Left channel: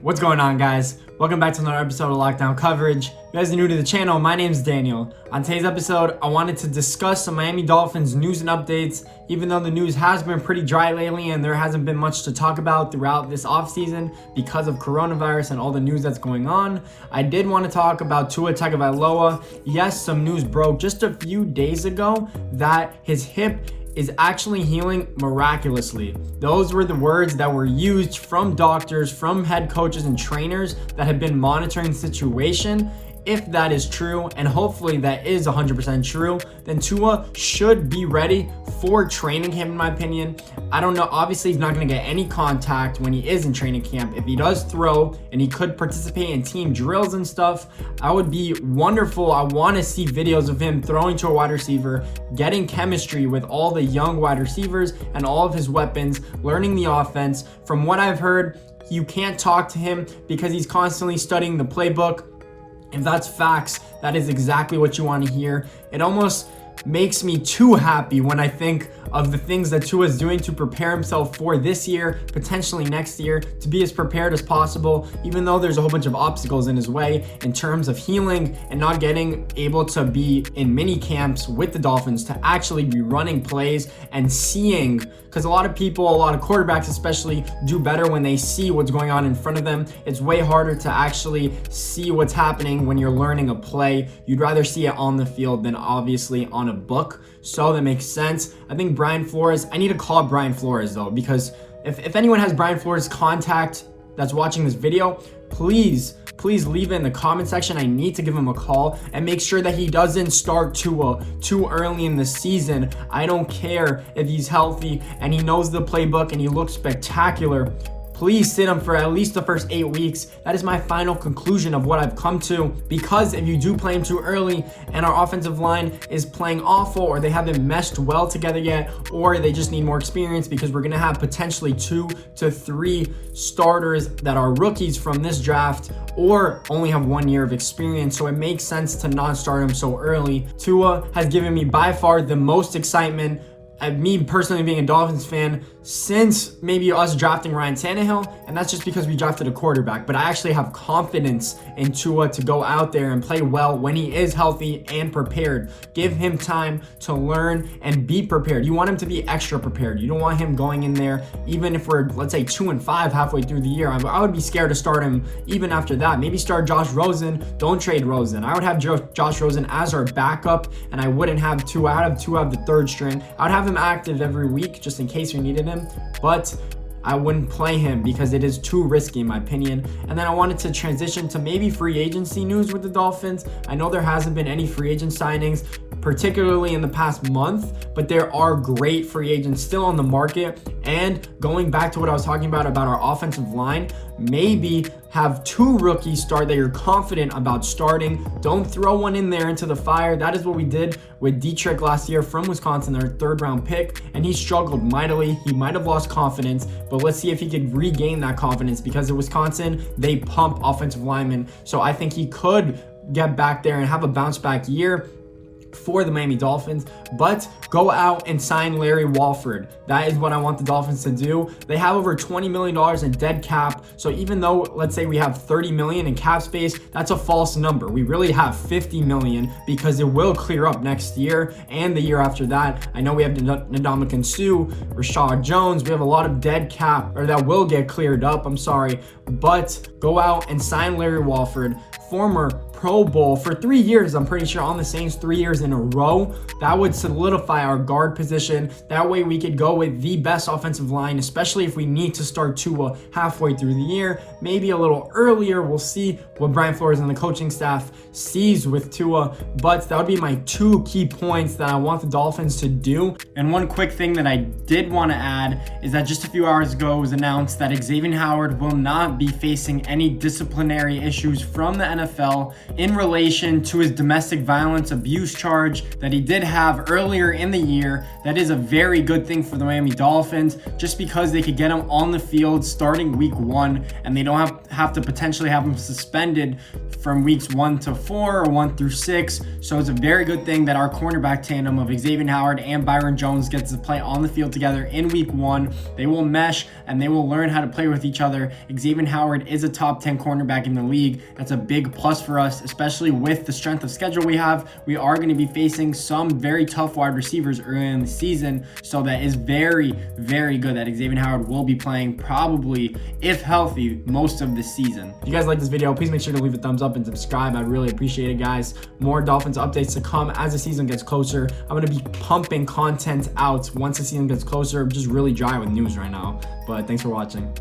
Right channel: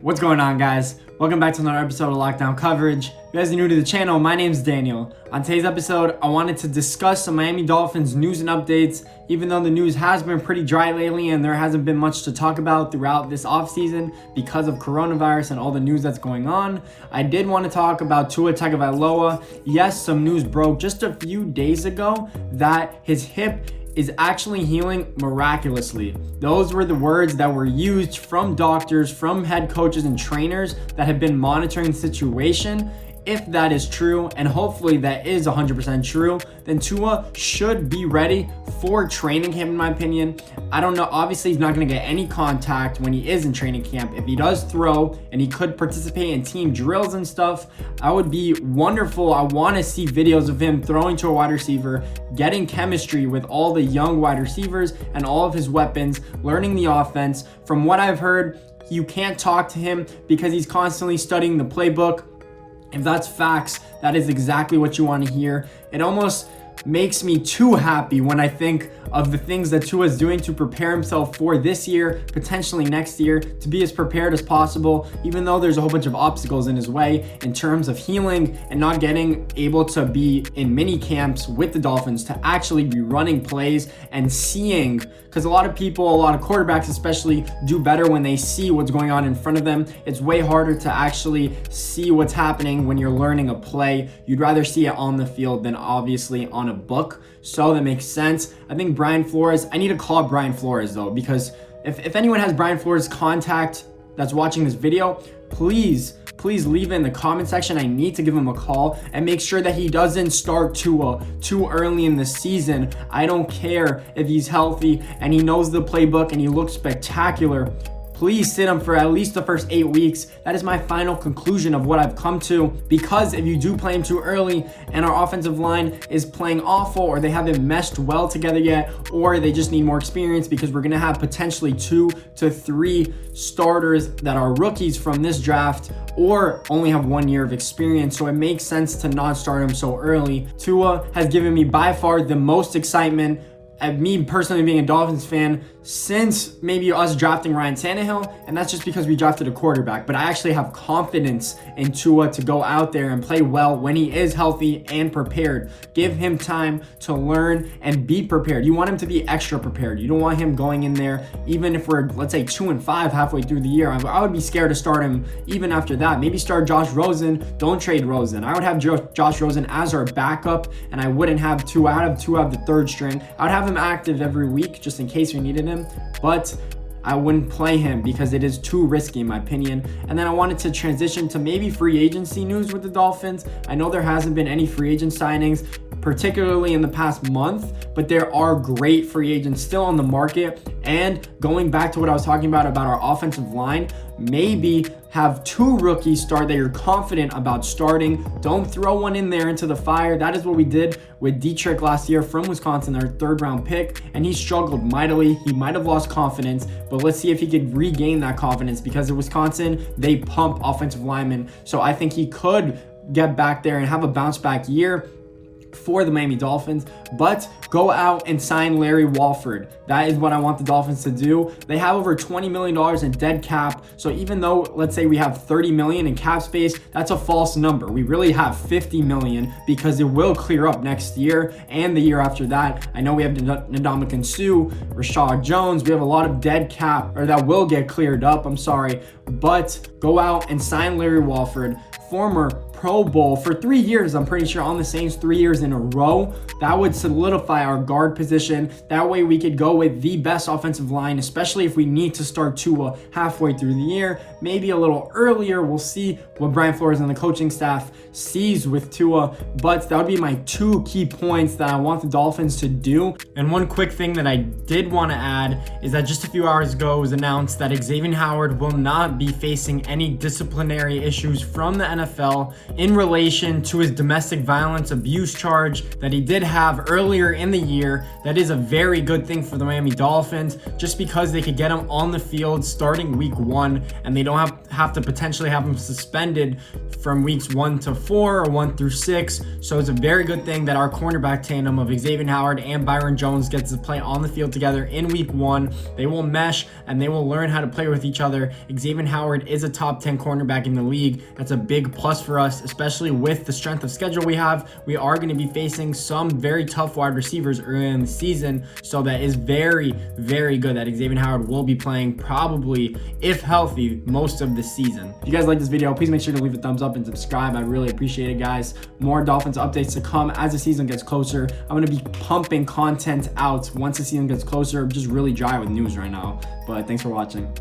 What's going on, guys? Welcome back to another episode of Lockdown Coverage. If you guys are new to the channel, my name's Daniel. On today's episode, I wanted to discuss some Miami Dolphins news and updates. Even though the news has been pretty dry lately and there hasn't been much to talk about throughout this offseason because of coronavirus and all the news that's going on, I did want to talk about Tua Tagovailoa. Yes, some news broke just a few days ago that his hip is actually healing miraculously. Those were the words that were used from doctors, from head coaches and trainers that have been monitoring the situation. If that is true, and hopefully that is 100% true, then Tua should be ready for training camp, in my opinion. I don't know, obviously he's not going to get any contact when he is in training camp. If he does throw and he could participate in team drills and stuff, that would be wonderful. I want to see videos of him throwing to a wide receiver, getting chemistry with all the young wide receivers and all of his weapons, learning the offense. From what I've heard, you can't talk to him because he's constantly studying the playbook. If that's facts, that is exactly what you want to hear. It almost makes me too happy when I think of the things that Tua is doing to prepare himself for this year, potentially next year, to be as prepared as possible, even though there's a whole bunch of obstacles in his way in terms of healing and not getting able to be in mini camps with the Dolphins, to actually be running plays and seeing, because a lot of people, a lot of quarterbacks especially, do better when they see what's going on in front of them. It's way harder to actually see what's happening when you're learning a play. You'd rather see it on the field than obviously on a book. So that makes sense. I think Bryan Flores, I need to call Bryan Flores though, because if anyone has Bryan Flores' contact that's watching this video, please leave it in the comment section. I need to give him a call and make sure that he doesn't start Tua too early in the season. I don't care if he's healthy and he knows the playbook and he looks spectacular. Please sit him for at least the first 8 weeks. That is my final conclusion of what I've come to, because if you do play him too early and our offensive line is playing awful, or they haven't meshed well together yet, or they just need more experience, because we're going to have potentially 2 to 3 starters that are rookies from this draft or only have 1 year of experience. So it makes sense to not start him so early. Tua has given me by far the most excitement, me personally being a Dolphins fan, since maybe us drafting Ryan Tannehill, and that's just because we drafted a quarterback. But I actually have confidence in Tua to go out there and play well when he is healthy and prepared. Give him time to learn and be prepared. You want him to be extra prepared. You don't want him going in there, even if we're, let's say, 2-5 halfway through the year. I would be scared to start him even after that. Maybe start Josh Rosen. Don't trade Rosen. I would have Josh Rosen as our backup, and I wouldn't have Tua. I'd have Tua out of the third string. I would have him active every week just in case we needed him, but I wouldn't play him because it is too risky in my opinion. And then I wanted to transition to maybe free agency news with the Dolphins. I know there hasn't been any free agent signings, particularly in the past month, but there are great free agents still on the market. And going back to what I was talking about our offensive line, maybe have 2 rookies start that you're confident about starting. Don't throw one in there into the fire. That is what we did with Dietrich last year from Wisconsin, our 3rd round pick, and he struggled mightily. He might have lost confidence, but let's see if he could regain that confidence, because at Wisconsin, they pump offensive linemen. So I think he could get back there and have a bounce back year for the Miami Dolphins. But go out and sign Larry Walford. That is what I want the Dolphins to do. They have over $20 million in dead cap. So even though, let's say we have $30 million in cap space, that's a false number. We really have $50 million, because it will clear up next year and the year after that. I know we have Ndamukong Suh, Rashad Jones. We have a lot of dead cap, or that will get cleared up. But go out and sign Larry Walford, former Pro Bowl for 3 years, I'm pretty sure, on the Saints 3 years in a row. That would solidify our guard position. That way we could go with the best offensive line, especially if we need to start Tua halfway through the year, maybe a little earlier. We'll see what Bryan Flores and the coaching staff sees with Tua, but that would be my 2 key points that I want the Dolphins to do. And one quick thing that I did want to add is that just a few hours ago it was announced that Xavien Howard will not be facing any disciplinary issues from the NFL. in relation to his domestic violence abuse charge that he did have earlier in the year. That is a very good thing for the Miami Dolphins, just because they could get him on the field starting week 1, and they don't have to potentially have him suspended from weeks 1 to 4 or 1 through 6. So it's a very good thing that our cornerback tandem of Xavien Howard and Byron Jones gets to play on the field together in week 1. They will mesh and they will learn how to play with each other. Xavien Howard is a top 10 cornerback in the league. That's a big plus for us, especially with the strength of schedule we have. We are going to be facing some very tough wide receivers early in the season, so that is very, very good that Xavien Howard will be playing, probably, if healthy, most of the season. If you guys like this video, please make sure to leave a thumbs up and subscribe. I really appreciate it, guys. More Dolphins updates to come as the season gets closer. I'm going to be pumping content out once the season gets closer. I'm just really dry with news right now, but thanks for watching.